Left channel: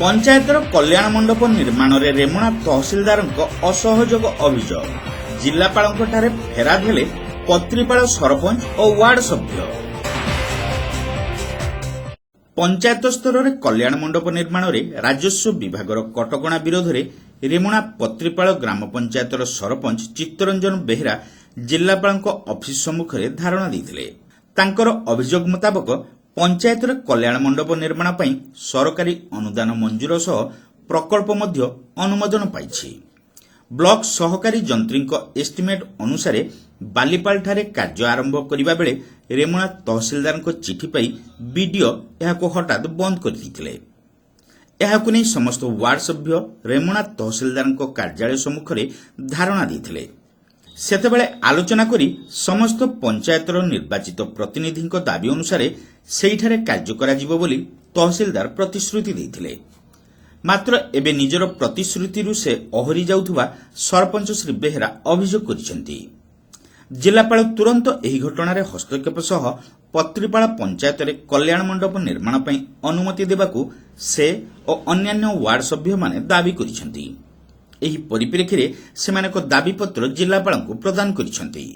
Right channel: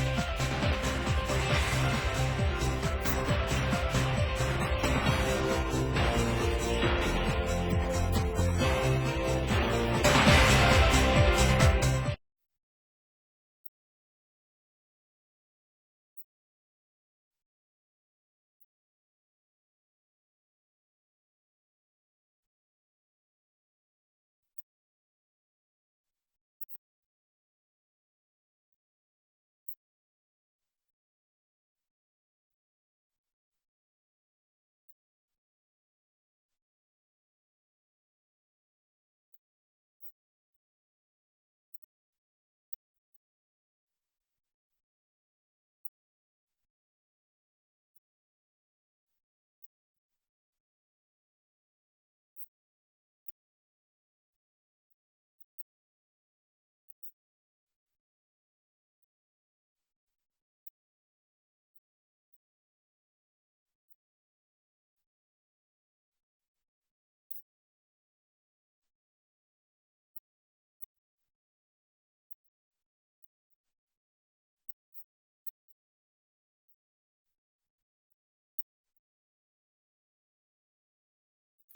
पंचायतर कल्याण मंडप निर्माण में रेमुणा तहसिलदार असहयोग अभियोग जिलापाल फेराद हेले पत्रीपाल सरपंच और वार्ड सभ्य। पंचायत स्तर में कल्याण मंडप निर्माण में राजस्व विभाग कटकणा विरोध में रेमुणा पत्रीपाल ग्राम पंचायतर सरपंच चित्तरंजन बेहेरा जिलापाल ऑफिस सम्मुख में धारणा देते। अभियोग मुताबक पंचायत कल्याण मंडप निर्माण पर सरकारी अनुदान मंजूर सह प्रकल्प मध्य अनुमोदन पाई। ब्लॉक सहकारी जंत्री एस्टिमेट अनुसार बालीपाल ठारे कार्य आरंभ करने बेले रेमुणा तहसिलदार चिठी पाई बीडीओ यह हठात बंद करते। नहीं समस्त वार्ड सभ्य रेमुणा तहसिलदार कार्यालय सम्मुख में धारणा देते। सेतेबेले आलोचना करी समस्त पंचायतर निर्वाचित प्रतिनिधि दाबी अनुसार सेठारे कार्य कराजिबो बोली तहसिलदार प्रतिश्रुति देथिले। मात्र एबे निजर प्रतिश्रुति से अहरी जाउथुबा सरपंच श्री बेहेरा अभियोग करिसेंती। जिलापाल तुरंत एही घटना रे हस्तक्षेप सह पत्रीपाल पंचायत रे कल्याण मंडप निर्माण पई अनुमति देबाकू से और अन्यान्य वार्ड सभ्य माने दाबी करिसेंती। एही परिप्रेक्षी रे सेमानक दाबी पत्र जिलापाल को प्रदान करिसेंती।